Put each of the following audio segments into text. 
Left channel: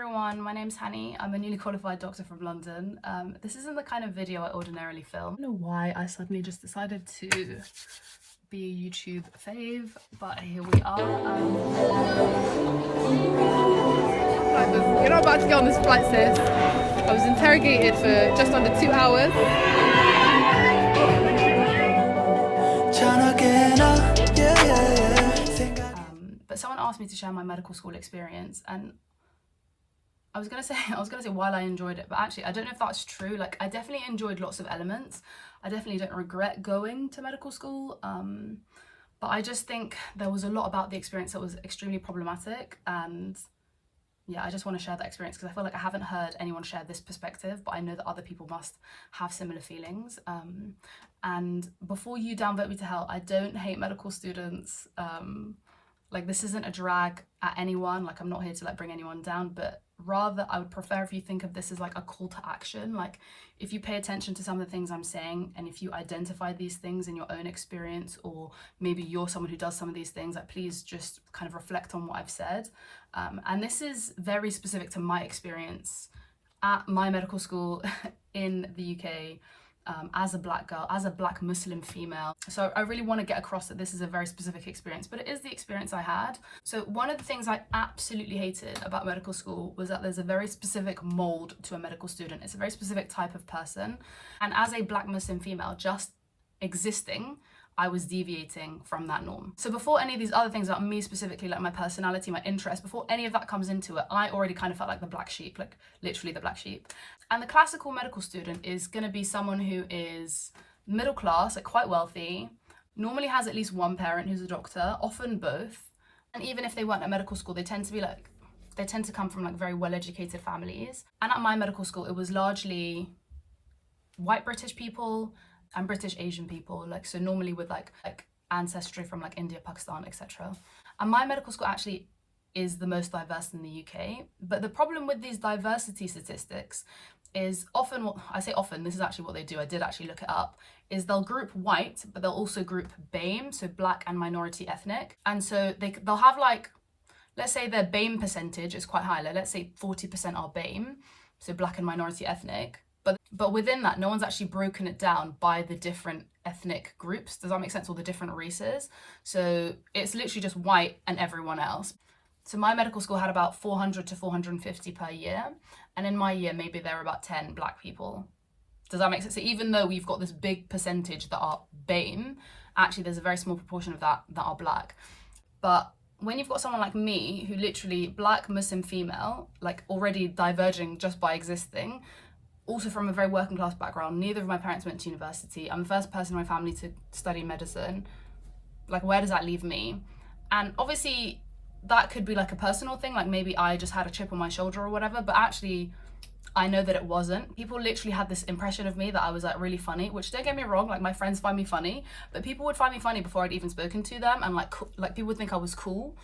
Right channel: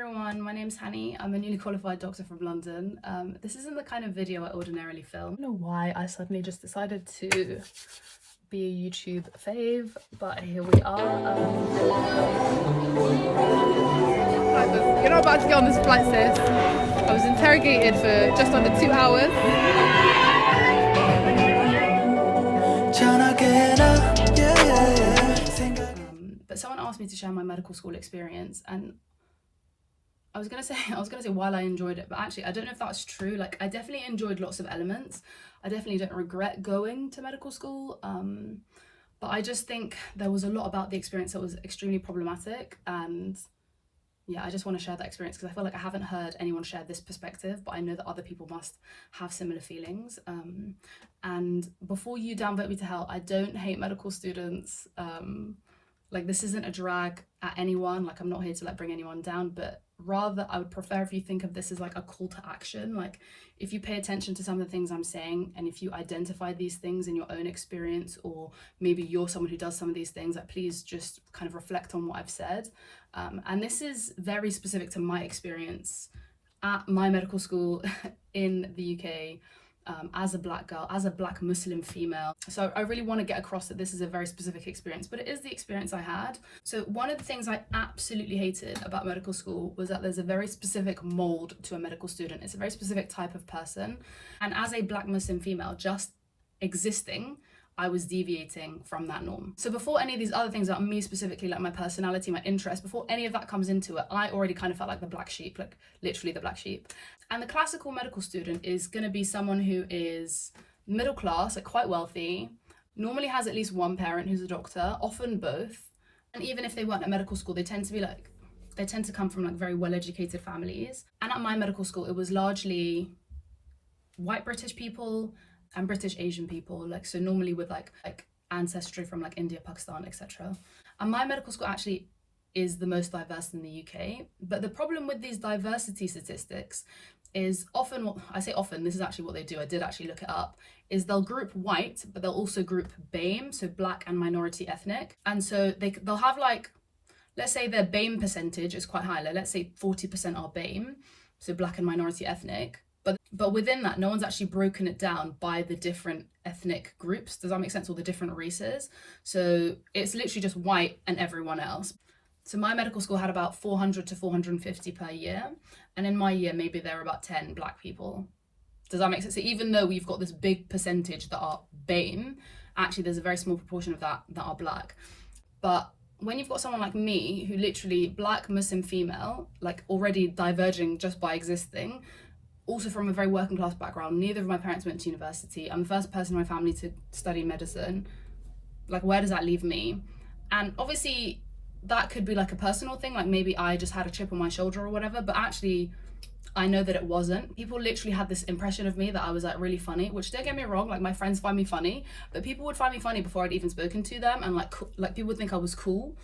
everyone, my name's Hani. I'm a newly qualified doctor from London. This isn't the kind of video I ordinarily film. I don't know why I suddenly just decided to be a YouTube fave, but here we are. You're not about to get on this flight, sis. I was interrogated for just under 2 hours. But someone asked me to share my medical school experience, and I was gonna say while I enjoyed it, but actually I don't know if that's true. Like, I definitely enjoyed lots of elements. I definitely don't regret going to medical school, but I just think there was a lot about the experience that was extremely problematic, and yeah, I just want to share that experience because I feel like I haven't heard anyone share this perspective, but I know that other people must have similar feelings. And before you downvote me to hell, I don't hate medical students. Like, this isn't a drag at anyone. Like, I'm not here to like bring anyone down, but rather I would prefer if you think of this as like a call to action. Like, if you pay attention to some of the things I'm saying, and if you identify these things in your own experience, or maybe you're someone who does some of these things, like, please just kind of reflect on what I've said. And this is very specific to my experience at my medical school in the UK. As a black girl, as a black Muslim female. So I really want to get across that this is a very specific experience, but it is the experience I had. So one of the things I absolutely hated about medical school was that there's a very specific mold to a medical student. It's a very specific type of person. And as a black Muslim female, just existing, I was deviating from that norm. So before any of these other things about me specifically, like my personality, my interest, before any of that comes into it, I already kind of felt like the black sheep, like literally the black sheep. And the classical medical student is going to be someone who is middle class, like quite wealthy, normally has at least one parent who's a doctor, often both. And even if they weren't at medical school, they tend to come from like very well-educated families. And at my medical school, it was largely white British people and British Asian people, like, so normally with like ancestry from like India, Pakistan, etc. And my medical school actually is the most diverse in the UK. But the problem with these diversity statistics is often, what I say often, this is actually what they do, I did actually look it up, is they'll group white, but they'll also group BAME, so black and minority ethnic. And so they'll have like, let's say their BAME percentage is quite high, like let's say 40% are BAME, so black and minority ethnic. But within that, no one's actually broken it down by the different ethnic groups. Does that make sense? Or the different races. So it's literally just white and everyone else. So my medical school had about 400 to 450 per year. And in my year, maybe there were about 10 black people. Does that make sense? So even though we've got this big percentage that are BAME, actually there's a very small proportion of that are black. But when you've got someone like me, who literally black Muslim female, like already diverging just by existing, also from a very working class background, neither of my parents went to university. I'm the first person in my family to study medicine. Like, where does that leave me? And obviously that could be like a personal thing, like maybe I just had a chip on my shoulder or whatever, but actually I know that it wasn't. People literally had this impression of me that I was like really funny, which, don't get me wrong, like my friends find me funny, but people would find me funny before I'd even spoken to them, and like people would think I was cool.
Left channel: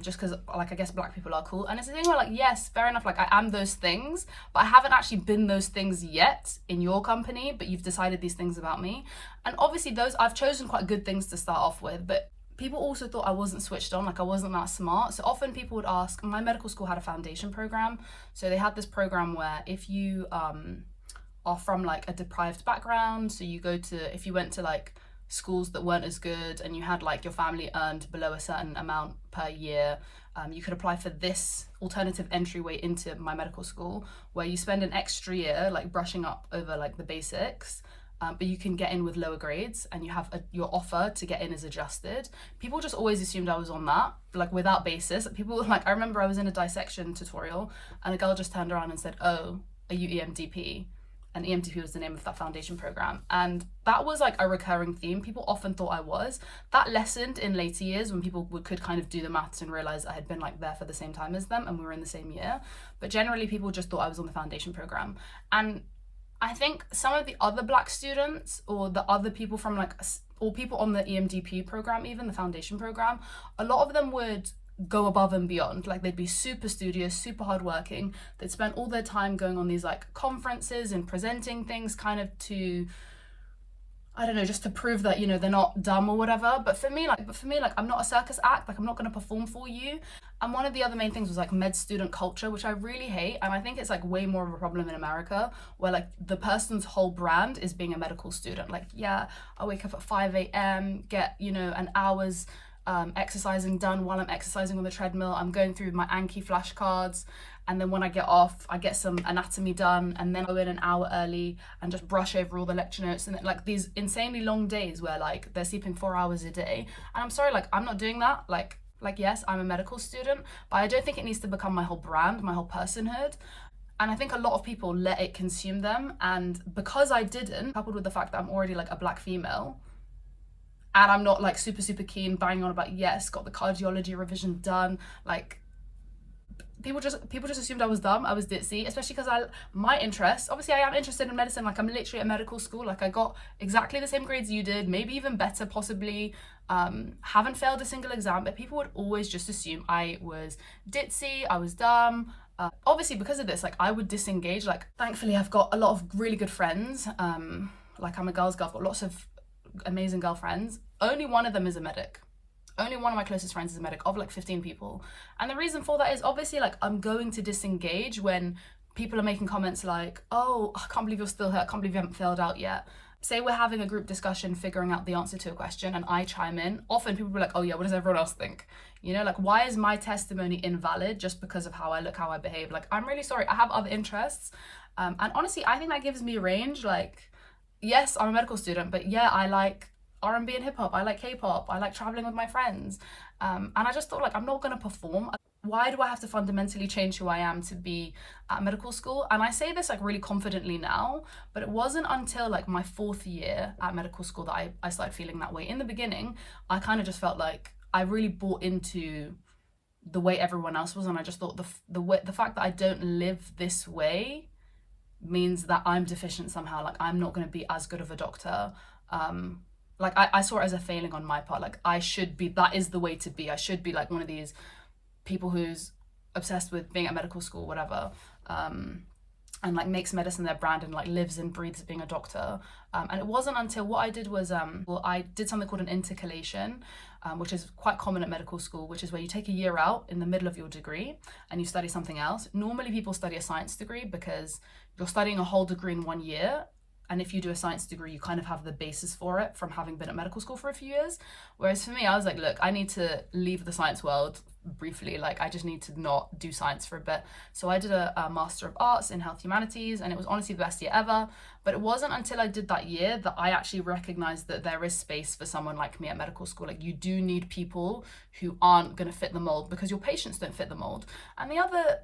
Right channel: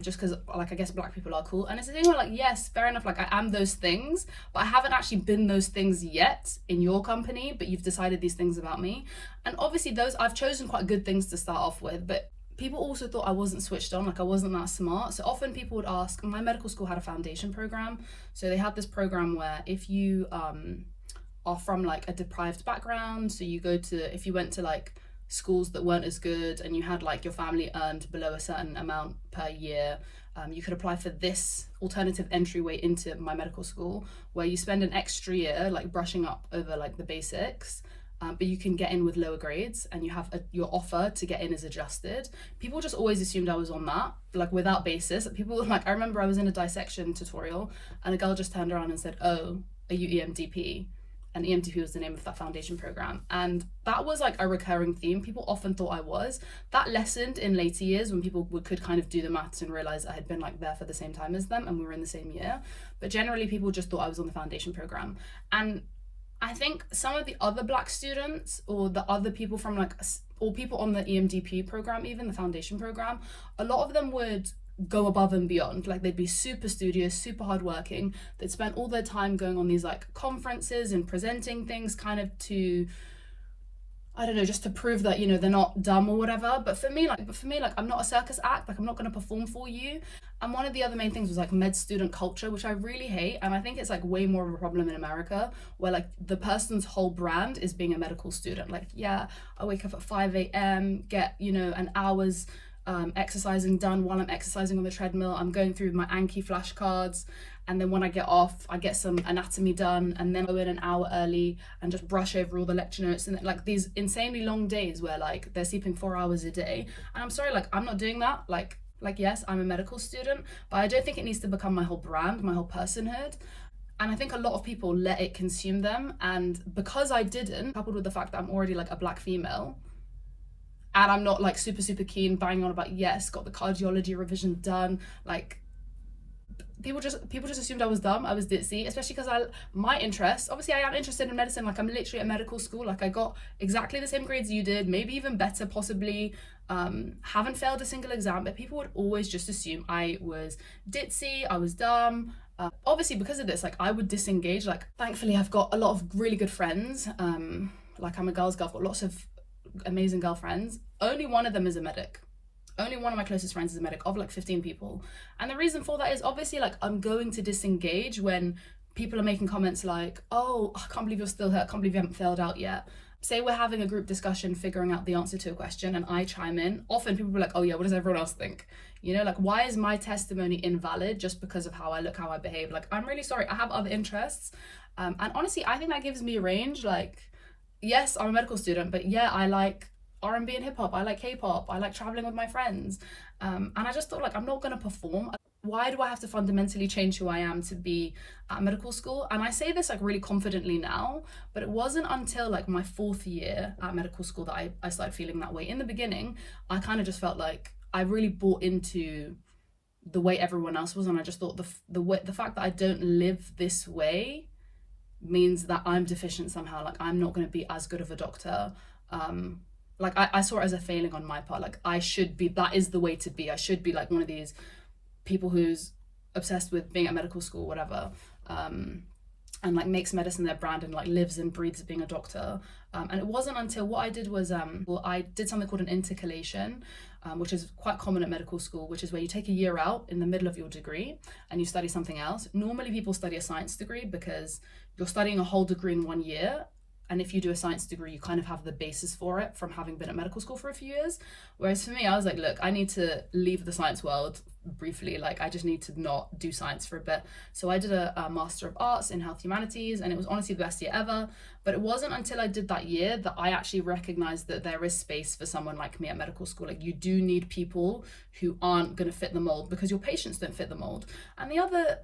Just because, like, I guess black people are cool. And it's a thing where, like, yes, fair enough, like I am those things, but I haven't actually been those things yet in your company, but you've decided these things about me. And obviously I've chosen quite good things to start off with, but people also thought I wasn't switched on, like I wasn't that smart. So often people would ask, my medical school had a foundation program. So they had this program where if you are from like a deprived background, so if you went to like schools that weren't as good and you had like your family earned below a certain amount per year, you could apply for this alternative entryway into my medical school, where you spend an extra year like brushing up over like the basics, but you can get in with lower grades, and you have your offer to get in is adjusted. People just always assumed I was on that, like without basis. People were like, I remember I was in a dissection tutorial and a girl just turned around and said, "Oh, are you EMDP?" And EMDP was the name of that foundation program. And that was like a recurring theme. People often thought I was. That lessened in later years when people could kind of do the maths and realize I had been like there for the same time as them and we were in the same year. But generally people just thought I was on the foundation program. And I think some of the other black students, or the other people from like, or people on the EMDP program, even the foundation program, a lot of them would go above and beyond. Like, they'd be super studious, super hardworking. They'd spend all their time going on these like conferences and presenting things kind of to, I don't know, just to prove that, you know, they're not dumb or whatever. But for me, like, I'm not a circus act. Like, I'm not going to perform for you. And one of the other main things was like med student culture, which I really hate. And I think it's like way more of a problem in America, where like the person's whole brand is being a medical student. Like, yeah, I wake up at 5 a.m., get, you know, an hour's exercising done while I'm exercising on the treadmill. I'm going through my Anki flashcards, and then when I get off, I get some anatomy done, and then I go in an hour early and just brush over all the lecture notes. And like these insanely long days where like they're sleeping 4 hours a day. And I'm sorry, like I'm not doing that. Like yes, I'm a medical student, but I don't think it needs to become my whole brand, my whole personhood. And I think a lot of people let it consume them. And because I didn't, coupled with the fact that I'm already like a black female, and I'm not like super keen banging on about, yes, got the cardiology revision done, like people just assumed I was dumb, I was ditzy, especially because my interest, obviously I am interested in medicine. Like I'm literally at medical school, like I got exactly the same grades you did, maybe even better possibly. Haven't failed a single exam, but people would always just assume I was ditzy, I was dumb. Obviously because of this, like I would disengage. Like thankfully I've got a lot of really good friends. Like I'm a girl's girl, I've got lots of amazing girlfriends. Only one of them is a medic. Only one of my closest friends is a medic, of like 15 people. And the reason for that is obviously like I'm going to disengage when people are making comments like, oh, I can't believe you're still here, I can't believe you haven't failed out yet. Say we're having a group discussion figuring out the answer to a question and I chime in, often people will be like, oh yeah, what does everyone else think? You know, like why is my testimony invalid just because of how I look, how I behave? Like I'm really sorry, I have other interests. And honestly, I think that gives me range. Like, yes, I'm a medical student, but yeah, I like R&B and hip hop, I like K-pop, I like traveling with my friends. And I just thought like I'm not going to perform. Why do I have to fundamentally change who I am to be at medical school? And I say this like really confidently now, but it wasn't until like my 4th year at medical school that I started feeling that way. In the beginning, I kind of just felt like I really bought into the way everyone else was, and I just thought the fact that I don't live this way means that I'm deficient somehow. Like I'm not going to be as good of a doctor. Like I saw it as a failing on my part. Like I should be, that is the way to be. I should be like one of these people who's obsessed with being at medical school, whatever, and like makes medicine their brand and like lives and breathes being a doctor. And it wasn't until what I did was, well, I did something called an intercalation, which is quite common at medical school, which is where you take a year out in the middle of your degree and you study something else. Normally people study a science degree because you're studying a whole degree in 1 year. And if you do a science degree, you kind of have the basis for it from having been at medical school for a few years. Whereas for me, I was like, look, I need to leave the science world briefly. Like, I just need to not do science for a bit. So I did a Master of Arts in Health Humanities, and it was honestly the best year ever. But it wasn't until I did that year that I actually recognized that there is space for someone like me at medical school. Like, you do need people who aren't going to fit the mold because your patients don't fit the mold. And the other,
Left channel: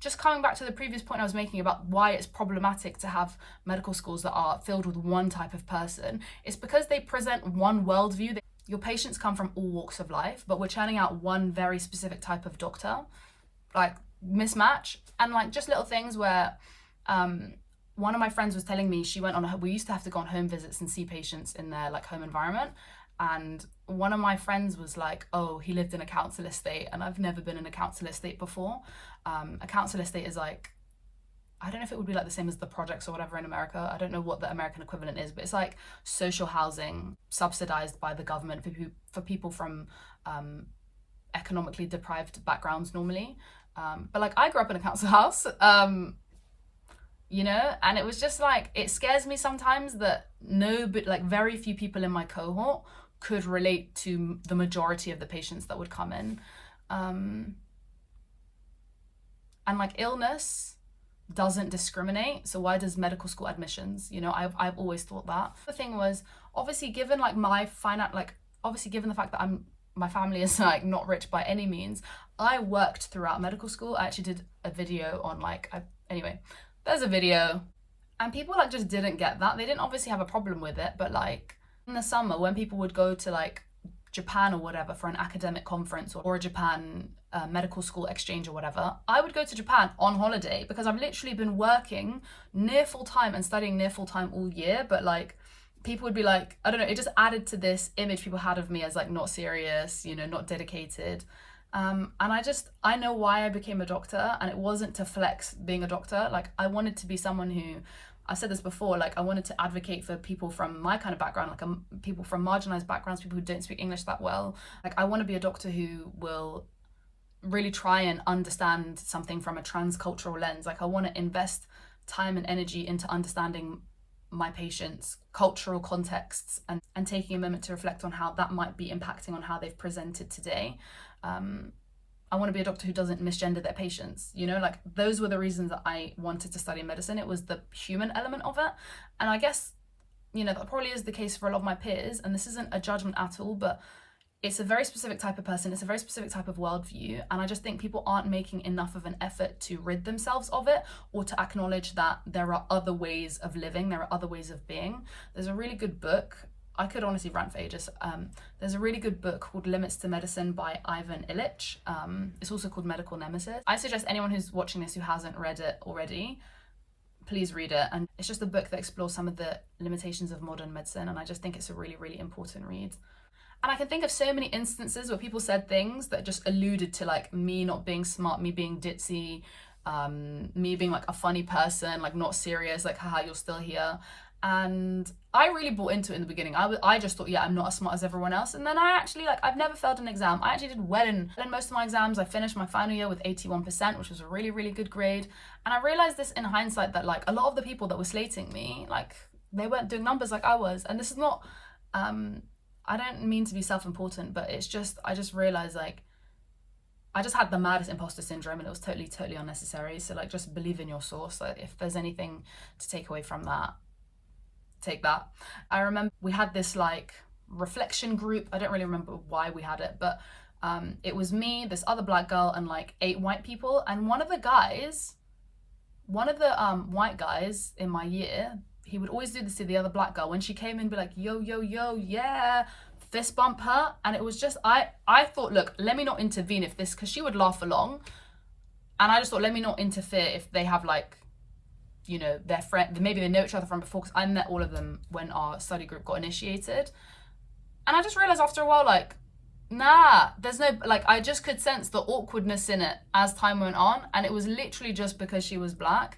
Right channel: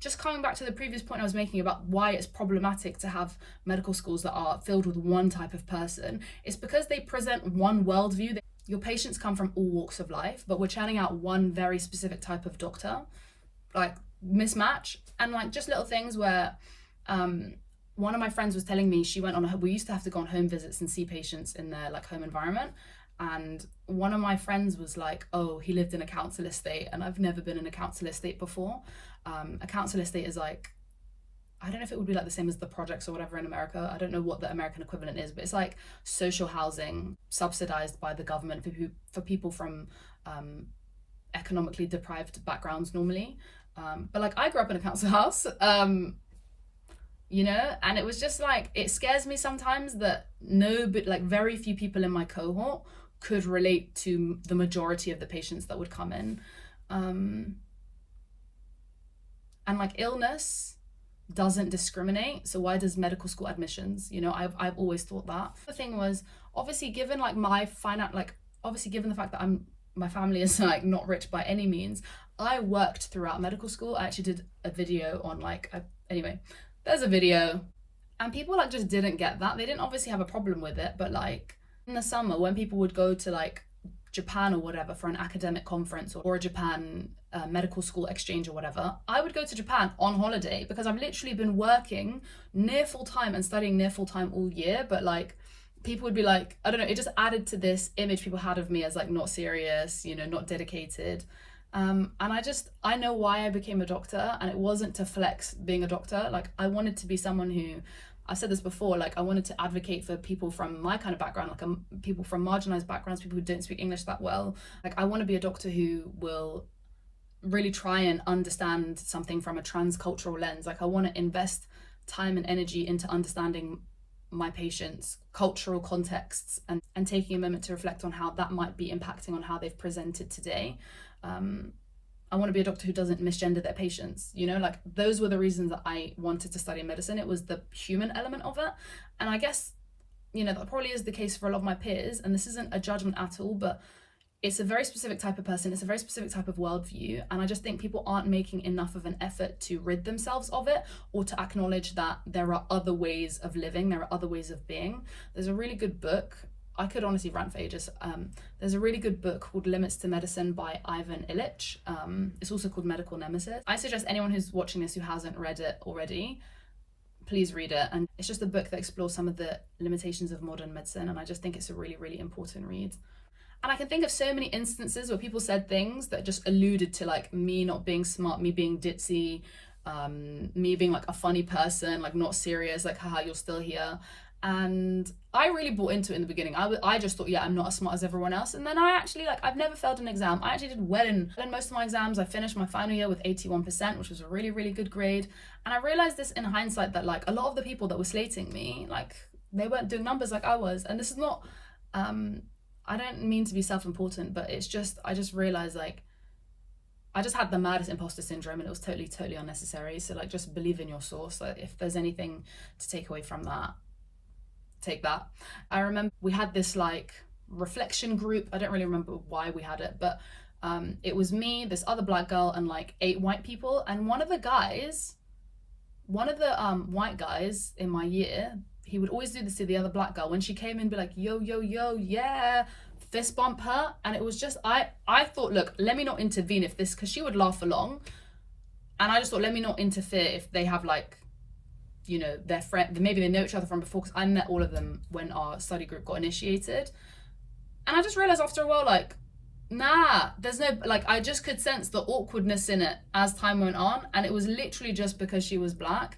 just coming back to the previous point I was making about why it's problematic to have medical schools that are filled with one type of person, it's because they present one worldview. Your patients come from all walks of life, but we're churning out one very specific type of doctor. Like, mismatch. And like just little things where one of my friends was telling me she went on we used to have to go on home visits and see patients in their like home environment. And one of my friends was like, oh, he lived in a council estate, and I've never been in a council estate before. A council estate is like, I don't know if it would be like the same as the projects or whatever in America. I don't know what the American equivalent is, but it's like social housing subsidized by the government for people from economically deprived backgrounds normally. But like I grew up in a council house, you know, and it was just like, it scares me sometimes that like very few people in my cohort could relate to the majority of the patients that would come in. And like illness doesn't discriminate, so why does medical school admissions? You know, I've always thought that. The thing was, obviously given like obviously given the fact that my family is like not rich by any means, I worked throughout medical school. I actually did a video on like, anyway, there's a video, and people like just didn't get that. They didn't obviously have a problem with it, but like in the summer when people would go to like Japan or whatever for an academic conference or a Japan medical school exchange or whatever, I would go to Japan on holiday because I've literally been working near full time and studying near full time all year. But like people would be like, I don't know, it just added to this image people had of me as like not serious, you know, not dedicated. And I know why I became a doctor, and it wasn't to flex being a doctor. Like I wanted to be someone who I said this before, like I wanted to advocate for people from my kind of background, like people from marginalized backgrounds, people who don't speak English that well. Like I want to be a doctor who will really try and understand something from a transcultural lens. Like I want to invest time and energy into understanding my patients' cultural contexts, and taking a moment to reflect on how that might be impacting on how they've presented today. I want to be a doctor who doesn't misgender their patients. You know, like those were the reasons that I wanted to study medicine. It was the human element of it. And I guess, you know, that probably is the case for a lot of my peers. And this isn't a judgment at all, but it's a very specific type of person. It's a very specific type of worldview. And I just think people aren't making enough of an effort to rid themselves of it, or to acknowledge that there are other ways of living, there are other ways of being. There's a really good book. I could honestly rant for ages. There's a really good book called Limits to Medicine by Ivan Illich. It's also called Medical Nemesis. I suggest anyone who's watching this who hasn't read it already, please read it. And it's just a book that explores some of the limitations of modern medicine. And I just think it's a really, really important read. And I can think of so many instances where people said things that just alluded to like me not being smart, me being ditzy, me being like a funny person, like not serious, like haha, you're still here. And I really bought into it in the beginning. I just thought, yeah, I'm not as smart as everyone else. And then I actually, like, I've never failed an exam. I actually did well in most of my exams. I finished my final year with 81%, which was a really, really good grade. And I realized this in hindsight, that like a lot of the people that were slating me, like they weren't doing numbers like I was. And this is not, I don't mean to be self-important, but it's just, I just realized like, I just had the maddest imposter syndrome, and it was totally, totally unnecessary. So like, just believe in your source. Like if there's anything to take away from that, take that. I remember we had this like reflection group. I don't really remember why we had it, but it was me, this other black girl, and like 8 white people. And one of the white guys in my year, he would always do this to the other black girl. When she came in, be like, yo, yo, yo, yeah, fist bump her. And it was just, I thought, look, let me not intervene if this, because she would laugh along. And I just thought, let me not interfere if they have like, you know, their friend, maybe they know each other from before, because I met all of them when our study group got initiated. And I just realized after a while, like, nah, there's no, like, I just could sense the awkwardness in it as time went on. And it was literally just because she was black.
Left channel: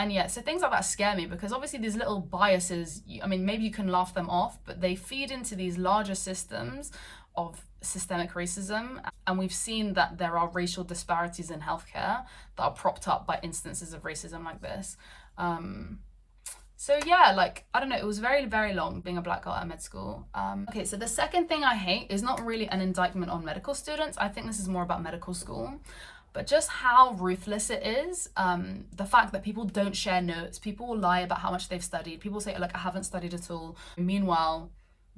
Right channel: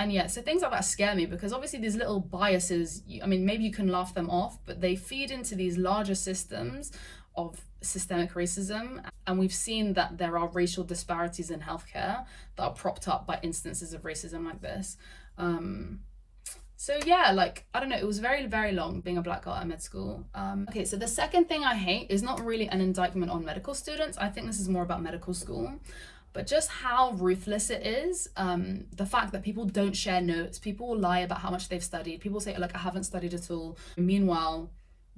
And yeah, so things like that scare me, because obviously these little biases, I mean, maybe you can laugh them off, but they feed into these larger systems of systemic racism. And we've seen that there are racial disparities in healthcare that are propped up by instances of racism like this. So yeah, like, I don't know, it was very, very long being a black girl at med school. Okay, so the second thing I hate is not really an indictment on medical students. I think this is more about medical school, but just how ruthless it is. The fact that people don't share notes, people will lie about how much they've studied. People say, like, I haven't studied at all. Meanwhile,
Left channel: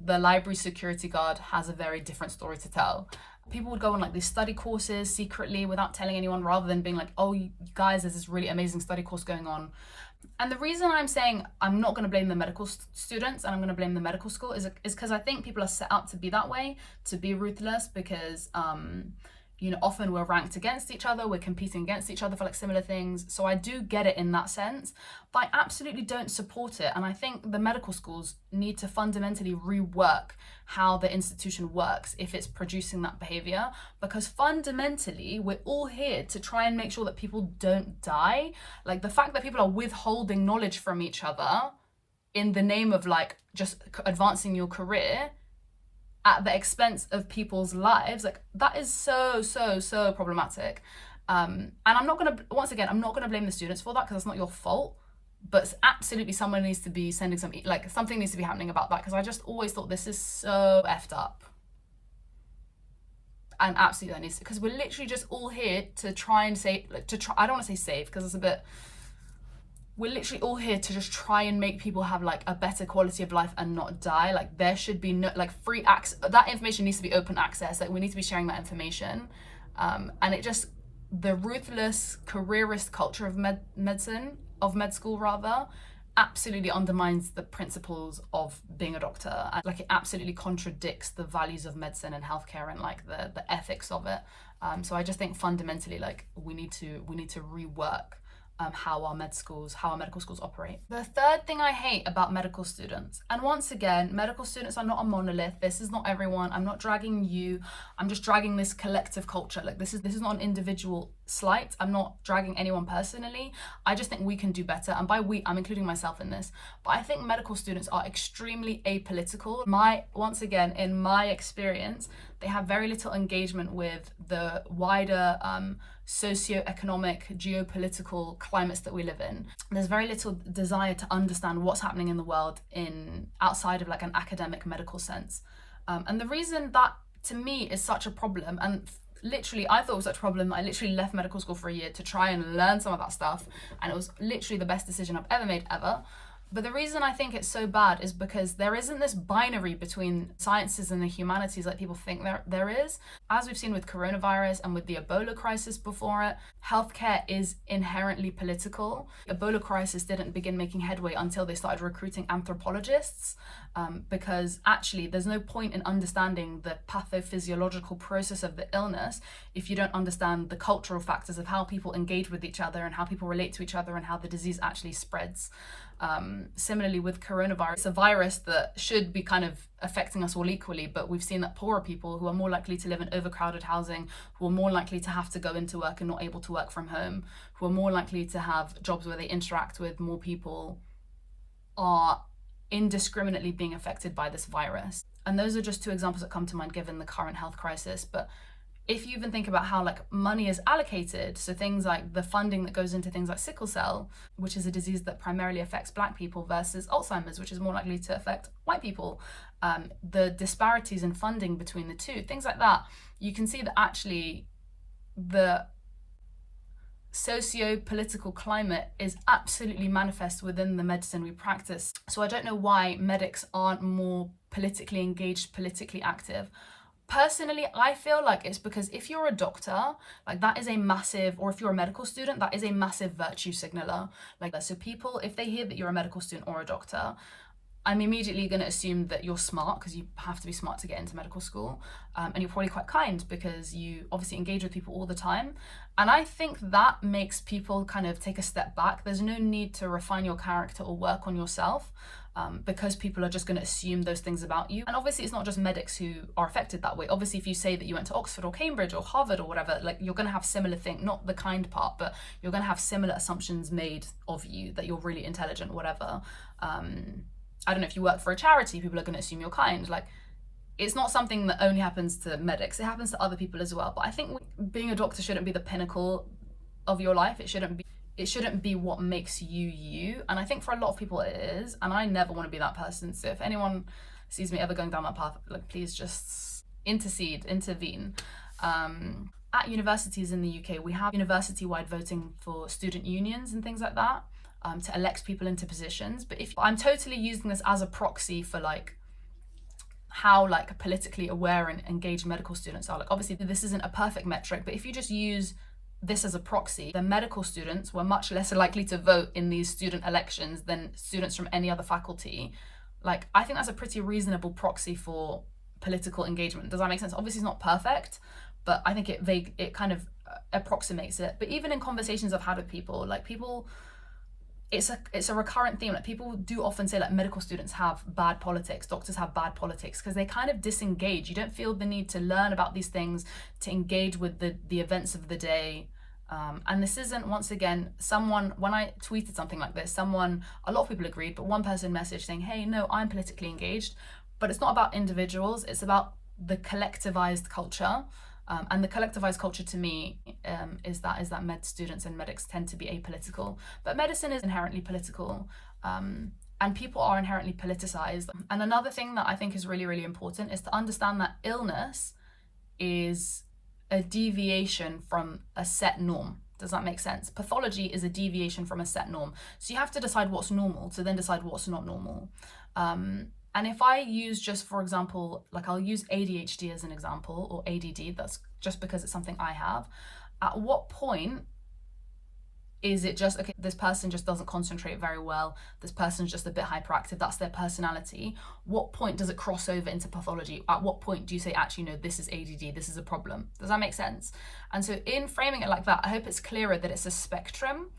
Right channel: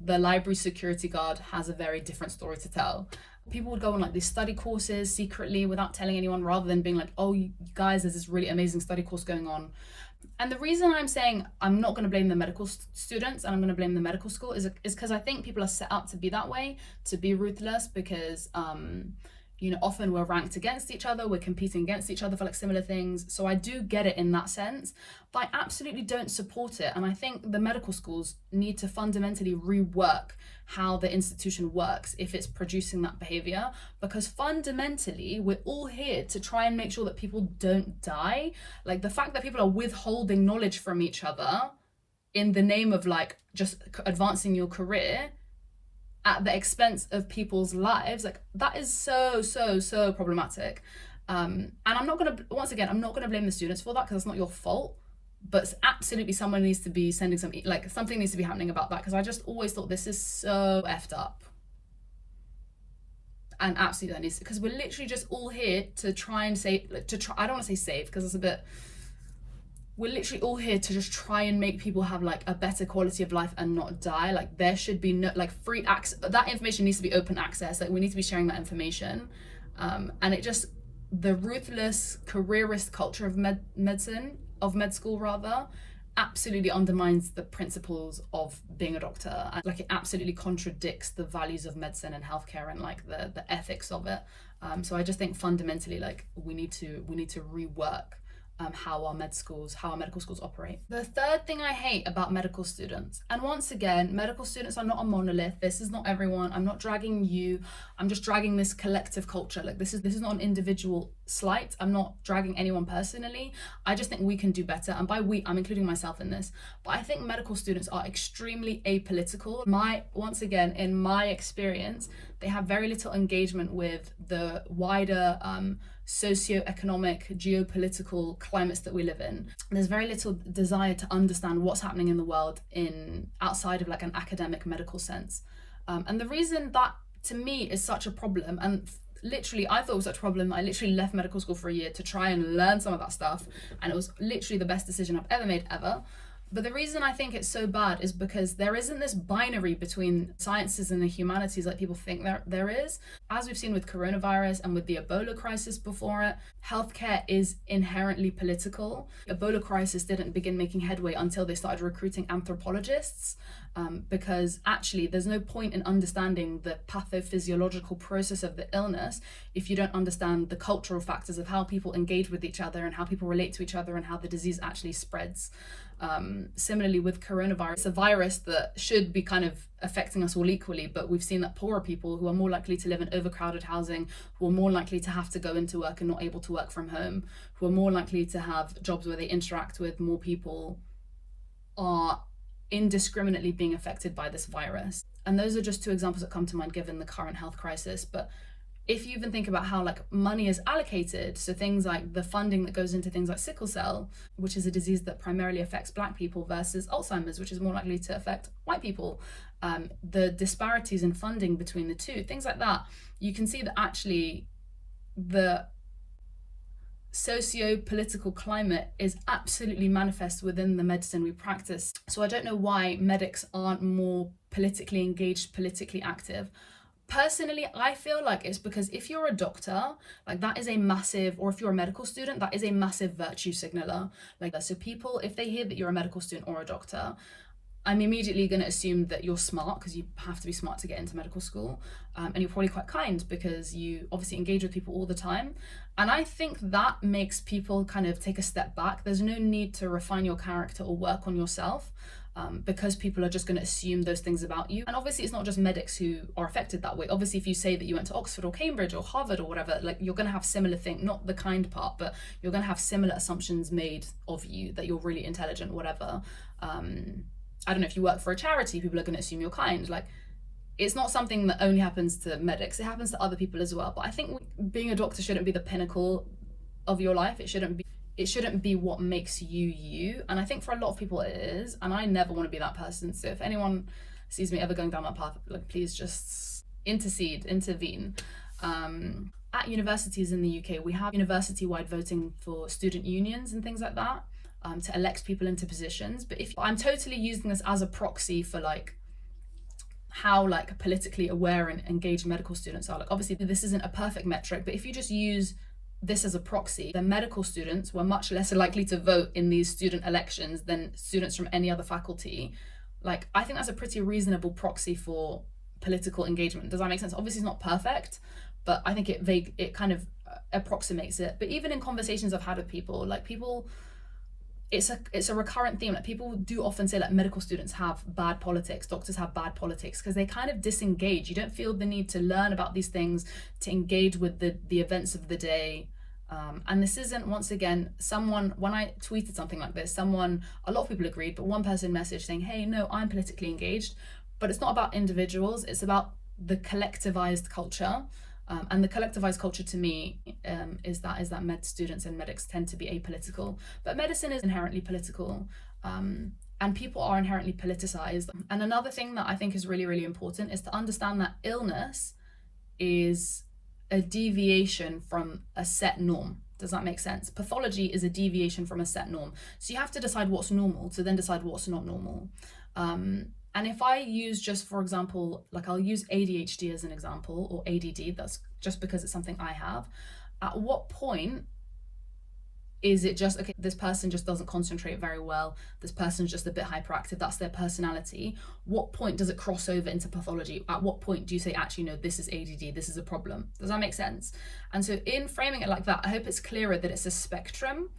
the library security guard has a very different story to tell. People would go on like these study courses secretly without telling anyone, rather than being like, oh, you guys, there's this really amazing study course going on. And the reason I'm saying I'm not going to blame the medical students and I'm going to blame the medical school is because I think people are set up to be that way, to be ruthless, because you know, often we're ranked against each other, we're competing against each other for like similar things. So I do get it in that sense, but I absolutely don't support it. And I think the medical schools need to fundamentally rework how the institution works if it's producing that behavior, because fundamentally we're all here to try and make sure that people don't die. Like the fact that people are withholding knowledge from each other in the name of like just advancing your career at the expense of people's lives, like that is so problematic. And I'm not gonna, once again, I'm not gonna blame the students for that, because that's not your fault, but absolutely someone needs to be sending something, like something needs to be happening about that, because I just always thought this is so effed up. And absolutely that needs to, because we're literally just all here to try and say, I don't want to say save, because it's a bit, we're literally all here to just try and make people have like a better quality of life and not die. Like there should be no like free access. That information needs to be open access. Like we need to be sharing that information. And it just, the ruthless careerist culture of med school rather, absolutely undermines the principles of being a doctor. And like it absolutely contradicts the values of medicine and healthcare and like the ethics of it. So I just think fundamentally, like we need to rework how our medical schools operate. The third thing I hate about medical students, and once again, medical students are not a monolith. This is not everyone. I'm not dragging you. I'm just dragging this collective culture. Like this is not an individual slight. I'm not dragging anyone personally. I just think we can do better. And by we, I'm including myself in this. But I think medical students are extremely apolitical. Once again, in my experience, they have very little engagement with the wider socio-economic, geopolitical climates that we live in. There's very little desire to understand what's happening in the world outside of like an academic medical sense. And the reason that to me is such a problem, and literally I thought it was such a problem, I literally left medical school for a year to try and learn some of that stuff, and it was literally the best decision I've ever made ever. But the reason I think it's so bad is because there isn't this binary between sciences and the humanities like people think there is. As we've seen with coronavirus and with the Ebola crisis before it, healthcare is inherently political. Ebola crisis didn't begin making headway until they started recruiting anthropologists, because actually there's no point in understanding the pathophysiological process of the illness if you don't understand the cultural factors of how people engage with each other and how people relate to each other and how the disease actually spreads. Similarly with coronavirus, it's a virus that should be kind of affecting us all equally, but we've seen that poorer people who are more likely to live in overcrowded housing, who are more likely to have to go into work and not able to work from home, who are more likely to have jobs where they interact with more people, are indiscriminately being affected by this virus. And those are just two examples that come to mind given the current health crisis. But if you even think about how like money is allocated, so things like the funding that goes into things like sickle cell, which is a disease that primarily affects Black people, versus Alzheimer's, which is more likely to affect white people, the disparities in funding between the two, things like that, you can see that actually the socio-political climate is absolutely manifest within the medicine we practice. So I don't know why medics aren't more politically engaged, politically active. Personally, I feel like it's because if you're a doctor, like that is a massive, or if you're a medical student, that is a massive virtue signaler. Like, so people, if they hear that you're a medical student or a doctor, I'm immediately going to assume that you're smart, because you have to be smart to get into medical school, and you're probably quite kind because you obviously engage with people all the time. And I think that makes people kind of take a step back. There's no need to refine your character or work on yourself, because people are just going to assume those things about you. And obviously it's not just medics who are affected that way. Obviously if you say that you went to Oxford or Cambridge or Harvard or whatever, like you're going to have similar thing, not the kind part, but you're going to have similar assumptions made of you, that you're really intelligent, whatever. I don't know, if you work for a charity, people are going to assume you're kind. Like, it's not something that only happens to medics, it happens to other people as well. But I think being a doctor shouldn't be the pinnacle of your life. It shouldn't be what makes you you. And I think for a lot of people it is, and I never want to be that person. So if anyone sees me ever going down that path, like, please just intervene. At universities in the UK, we have university-wide voting for student unions and things like that, to elect people into positions. But if I'm totally using this as a proxy for like how like politically aware and engaged medical students are. Like, obviously this isn't a perfect metric, but if you just use this as a proxy, then medical students were much less likely to vote in these student elections than students from any other faculty. Like, I think that's a pretty reasonable proxy for political engagement. Does that make sense? Obviously it's not perfect, but I think it kind of approximates it. But even in conversations I've had with people, like it's a recurrent theme. Like, people do often say like medical students have bad politics, doctors have bad politics, because they kind of disengage. You don't feel the need to learn about these things, to engage with the events of the day. And this isn't, once again, when I tweeted something like this, a lot of people agreed, but one person messaged saying, hey, no, I'm politically engaged. But it's not about individuals, it's about the collectivized culture. And the collectivized culture to me is that med students and medics tend to be apolitical, but medicine is inherently political, and people are inherently politicized. And another thing that I think is really, really important is to understand that illness is a deviation from a set norm. Does that make sense? Pathology is a deviation from a set norm. So you have to decide what's normal to then decide what's not normal. And if I use, just for example, like I'll use ADHD as an example, or ADD, that's just because it's something I have. At what point is it just, okay, this person just doesn't concentrate very well, this person's just a bit hyperactive, that's their personality. What point does it cross over into pathology? At what point do you say, actually, no, this is ADD, this is a problem? Does that make sense? And so in framing it like that, I hope it's clearer that it's a spectrum.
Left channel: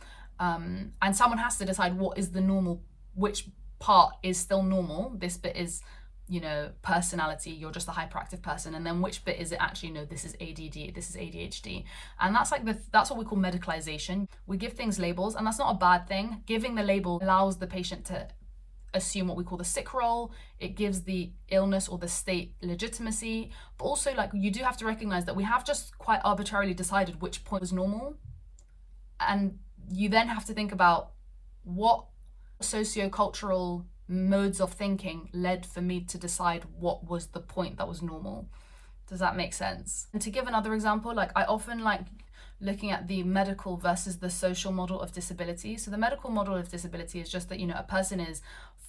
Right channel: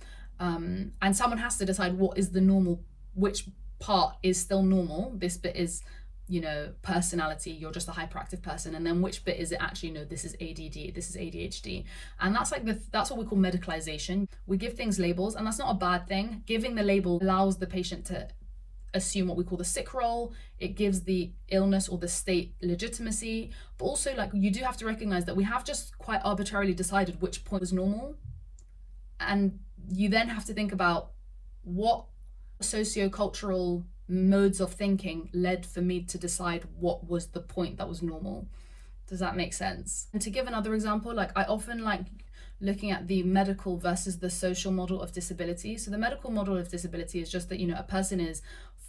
And someone has to decide what is the normal, which part is still normal. This bit is, you know, personality, you're just a hyperactive person, and then which bit is it actually, no, this is ADD, this is ADHD. And that's like that's what we call medicalization. We give things labels, and that's not a bad thing. Giving the label allows the patient to assume what we call the sick role. It gives the illness or the state legitimacy, but also like you do have to recognize that we have just quite arbitrarily decided which point was normal, and you then have to think about what socio-cultural modes of thinking led for me to decide what was the point that was normal. Does that make sense? And to give another example, like I often like looking at the medical versus the social model of disability. So the medical model of disability is just that, you know, a person is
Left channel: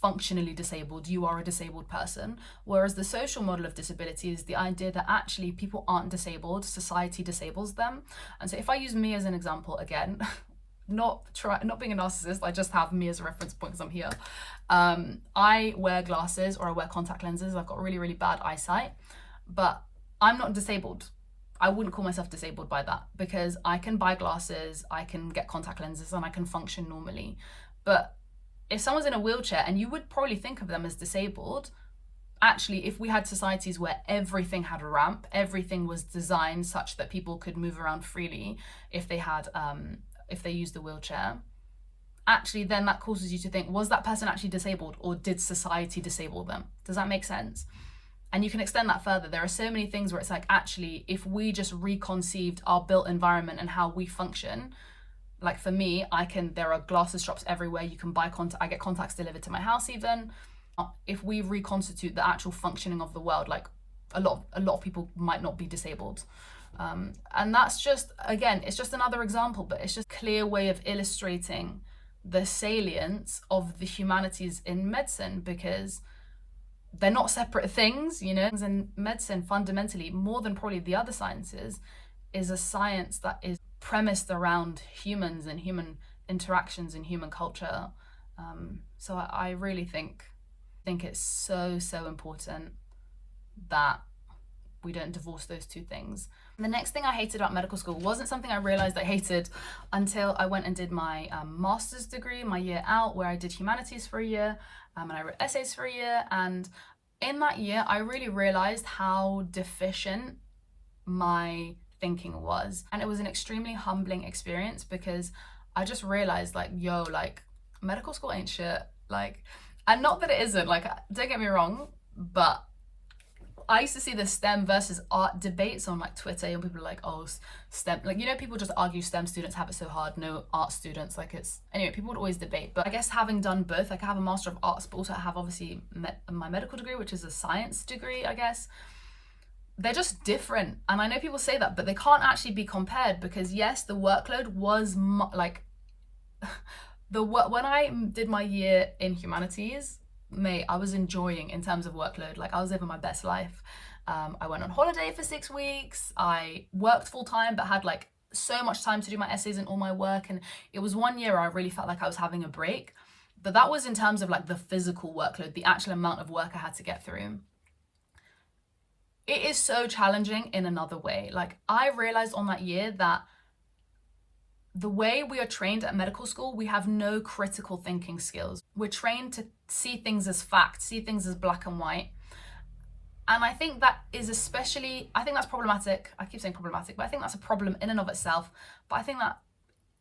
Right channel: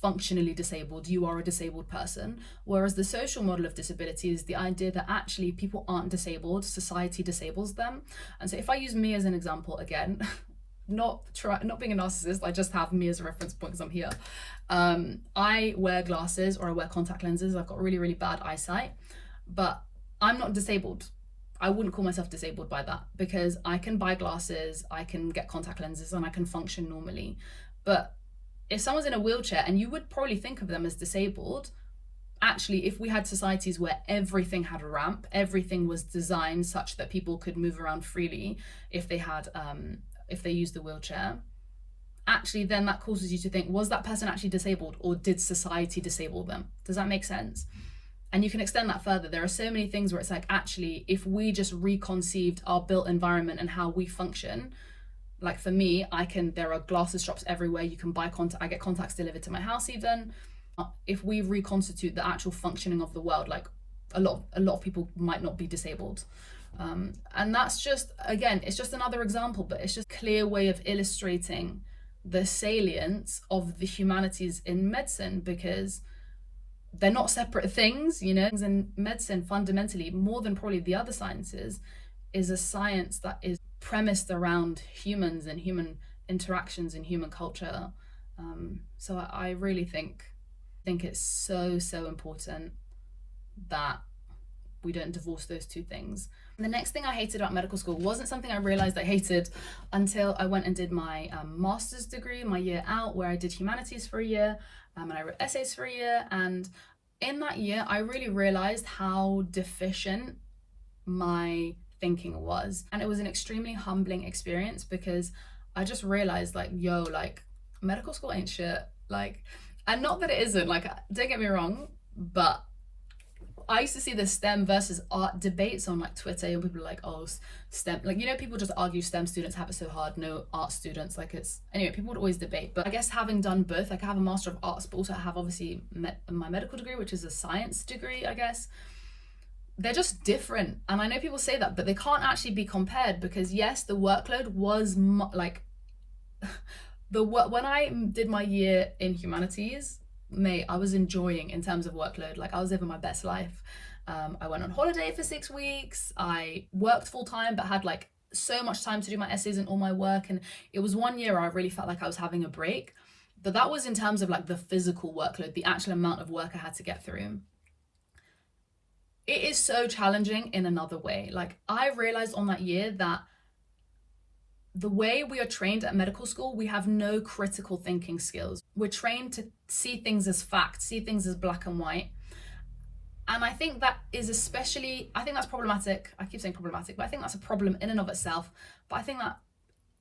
functionally disabled, you are a disabled person. Whereas the social model of disability is the idea that actually people aren't disabled, society disables them. And so if I use me as an example again, not being a narcissist, I just have me as a reference point because I'm here. I wear glasses or I wear contact lenses. I've got really, really bad eyesight, but I'm not disabled. I wouldn't call myself disabled by that because I can buy glasses, I can get contact lenses, and I can function normally. But if someone's in a wheelchair, and you would probably think of them as disabled, actually, if we had societies where everything had a ramp, everything was designed such that people could move around freely if they had, if they used the wheelchair, actually then that causes you to think, was that person actually disabled or did society disable them? Does that make sense? And you can extend that further. There are so many things where it's like, actually, if we just reconceived our built environment and how we function, like for me, there are glasses shops everywhere. You can buy I get contacts delivered to my house even. If we reconstitute the actual functioning of the world, like a lot of people might not be disabled. And that's just, again, it's just another example, but it's just a clear way of illustrating the salience of the humanities in medicine, because they're not separate things, you know. And medicine fundamentally, more than probably the other sciences, is a science that is premised around humans and human interactions and human culture. So I really think it's so important that we don't divorce those two things. And the next thing I hated about medical school wasn't something I realized I hated until I went and did my master's degree, my year out, where I did humanities for a year, and I wrote essays for a year. And in that year, I really realized how deficient my thinking was. And it was an extremely humbling experience because I just realized, like, yo, like, medical school ain't shit. Like, and not that it isn't, like, don't get me wrong, but I used to see the STEM versus art debates on like Twitter, and people are like, oh, STEM, like, you know, people just argue STEM students have it so hard, no art students, like it's, anyway, people would always debate. But I guess having done both, like I have a Master of Arts, but also I have obviously my medical degree, which is a science degree, I guess. They're just different. And I know people say that, but they can't actually be compared because yes, the workload was like, when I did my year in humanities, mate, I was enjoying in terms of workload. Like I was living my best life. I went on holiday for 6 weeks. I worked full time, but had like so much time to do my essays and all my work. And it was 1 year where I really felt like I was having a break. But that was in terms of like the physical workload, the actual amount of work I had to get through. It is so challenging in another way. Like I realized on that year that the way we are trained at medical school, we have no critical thinking skills. We're trained to see things as fact, see things as black and white. And I think that is I think that's problematic. I keep saying problematic, but I think that's a problem in and of itself. But I think that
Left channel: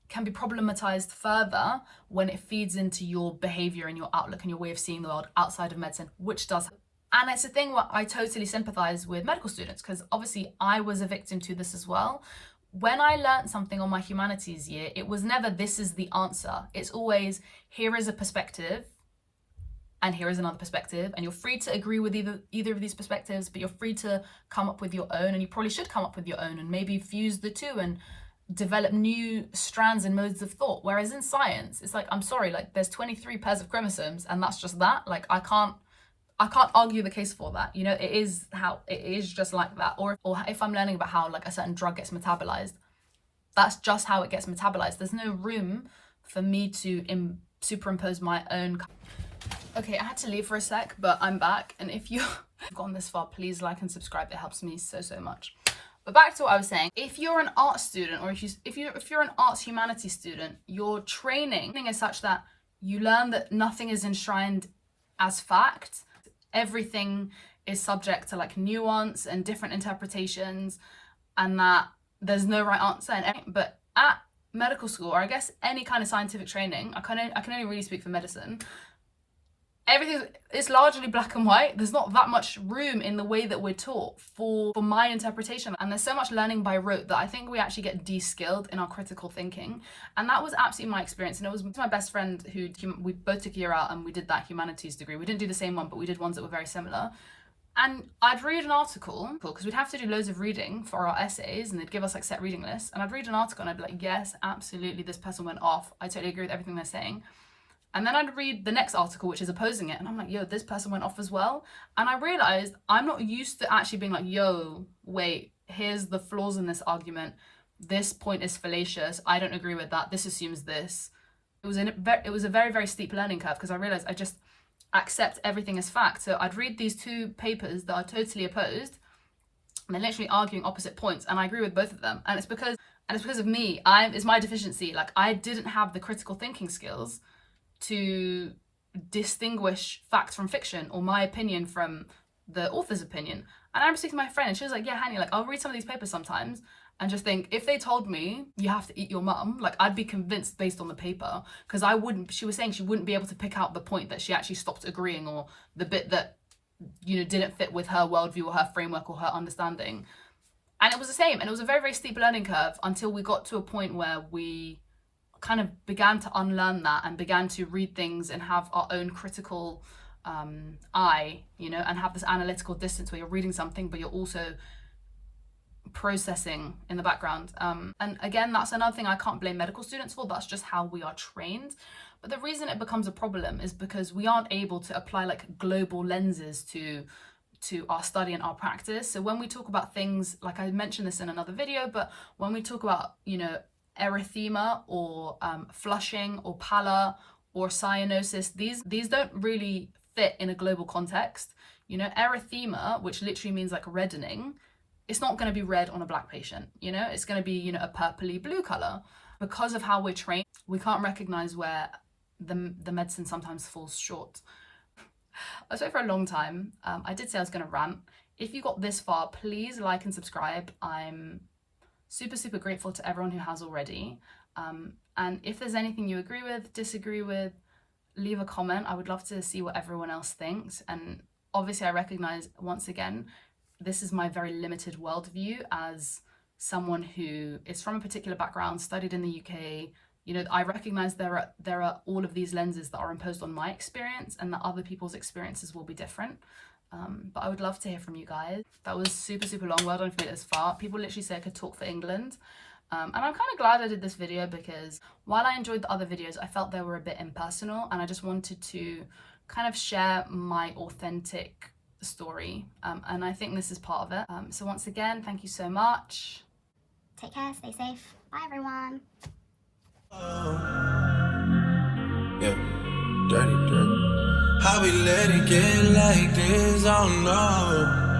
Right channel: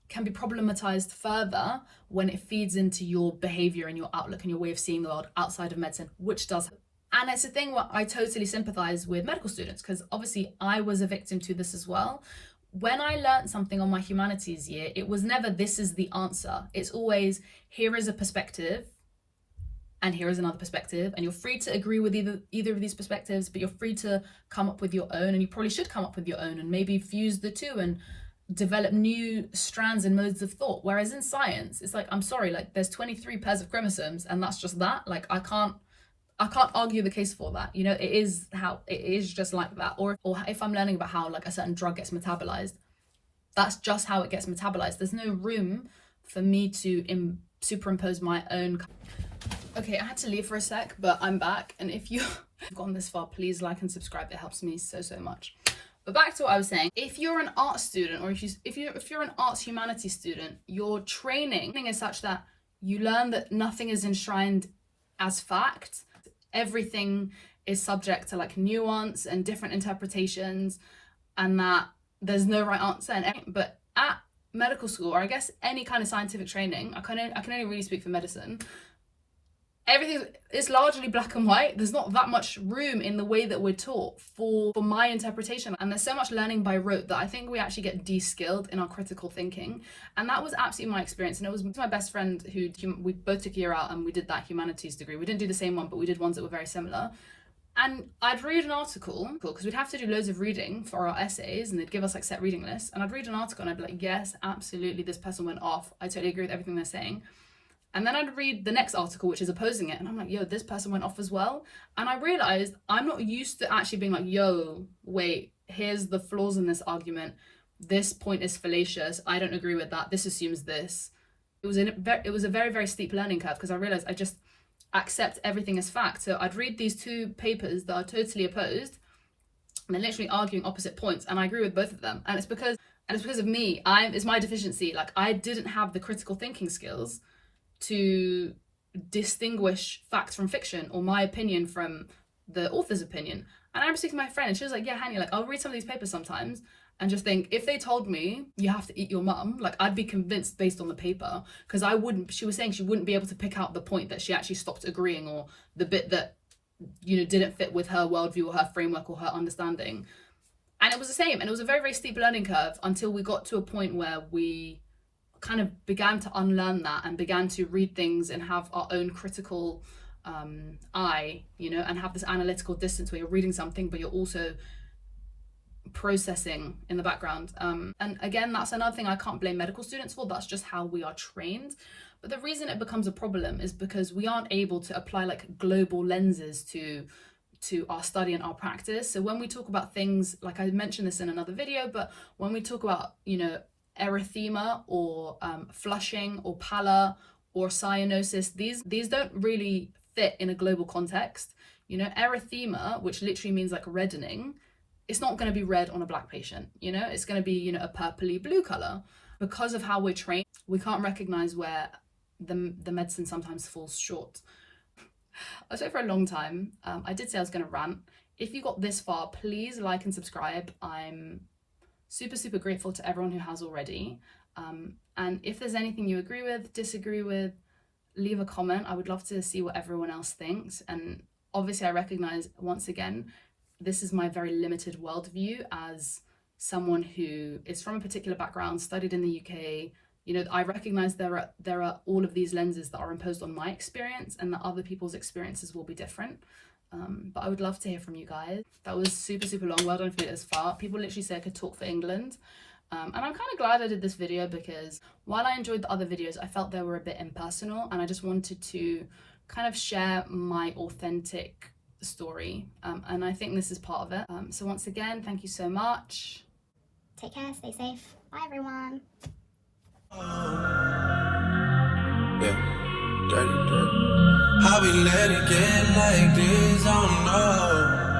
can be problematized further when it feeds into your behavior and your outlook and your way of seeing the world outside of medicine, which does. And it's a thing where I totally sympathize with medical students because obviously I was a victim to this as well. When I learned something on my humanities year, it was never, this is the answer. It's always, here is a perspective and here is another perspective. And you're free to agree with either of these perspectives, but you're free to come up with your own, and you probably should come up with your own and maybe fuse the two and develop new strands and modes of thought. Whereas in science, it's like, I'm sorry, like there's 23 pairs of chromosomes and that's just that. Like I can't argue the case for that. You know, it is just like that. Or if I'm learning about how like a certain drug gets metabolized, that's just how it gets metabolized. There's no room for me to superimpose my own. Okay, I had to leave for a sec, but I'm back. And if you've gone this far, please like and subscribe. It helps me so much. But back to what I was saying, if you're an art student, or if you're an arts humanities student, your training is such that you learn that nothing is enshrined as fact. Everything is subject to like nuance and different interpretations, and that there's no right answer. But at medical school, or I guess any kind of scientific training, I can only really speak for medicine, everything is largely black and white. There's not that much room in the way that we're taught for my interpretation, and there's so much learning by rote that I think we actually get de-skilled in our critical thinking. And that was absolutely my experience, and it was my best friend we both took a year out and we did that humanities degree. We didn't do the same one, but we did ones that were very similar. And I'd read an article, because we'd have to do loads of reading for our essays, and they'd give us like set reading lists, and I'd read an article and I'd be like, yes, absolutely, this person went off, I totally agree with everything they're saying. And then I'd read the next article, which is opposing it, and I'm like, yo, this person went off as well. And I realized I'm not used to actually being like, yo, wait, here's the flaws in this argument. This point is fallacious. I don't agree with that. This assumes this. It was a very, very steep learning curve, because I realized I just accept everything as fact. So I'd read these two papers that are totally opposed, and they're literally arguing opposite points, and I agree with both of them. And it's because of me. It's my deficiency. Like, I didn't have the critical thinking skills to distinguish fact from fiction, or my opinion from the author's opinion. And I remember speaking to my friend, and she was like, yeah, Hani, like, I'll read some of these papers sometimes and just think, if they told me you have to eat your mum, like, I'd be convinced based on the paper, because she was saying she wouldn't be able to pick out the point that she actually stopped agreeing, or the bit that, you know, didn't fit with her worldview or her framework or her understanding. And it was the same, and it was a very, very steep learning curve until we got to a point where we kind of began to unlearn that and began to read things and have our own critical eye, you know, and have this analytical distance where you're reading something but you're also processing in the background. And again, that's another thing I can't blame medical students for. That's just how we are trained. But the reason it becomes a problem is because we aren't able to apply like global lenses to our study and our practice. So when we talk about things, like I mentioned this in another video, but when we talk about, you know, erythema or flushing or pallor or cyanosis, these don't really fit in a global context. You know, erythema, which literally means like reddening, it's not going to be red on a black patient. You know, it's going to be, you know, a purpley blue color. Because of how we're trained, we can't recognize where the medicine sometimes falls short. I was for a long time. I did say I was going to rant. If you got this far, please like and subscribe. I'm super, super grateful to everyone who has already. And if there's anything you agree with, disagree with, leave a comment. I would love to see what everyone else thinks. And obviously I recognize, once again, this is my very limited worldview as someone who is from a particular background, studied in the UK. You know, I recognize there are all of these lenses that are imposed on my experience, and that other people's experiences will be different. But I would love to hear from you guys. That was super, super long. Well done for it this far. People literally say I could talk for England. And I'm kind of glad I did this video, because while I enjoyed the other videos, I felt they were a bit impersonal, and I just wanted to kind of share my authentic story. And I think this is part of it. So once again, thank you so much. Take care, stay safe. Bye, everyone. Yeah, dirty. How we let it get like this? I don't know.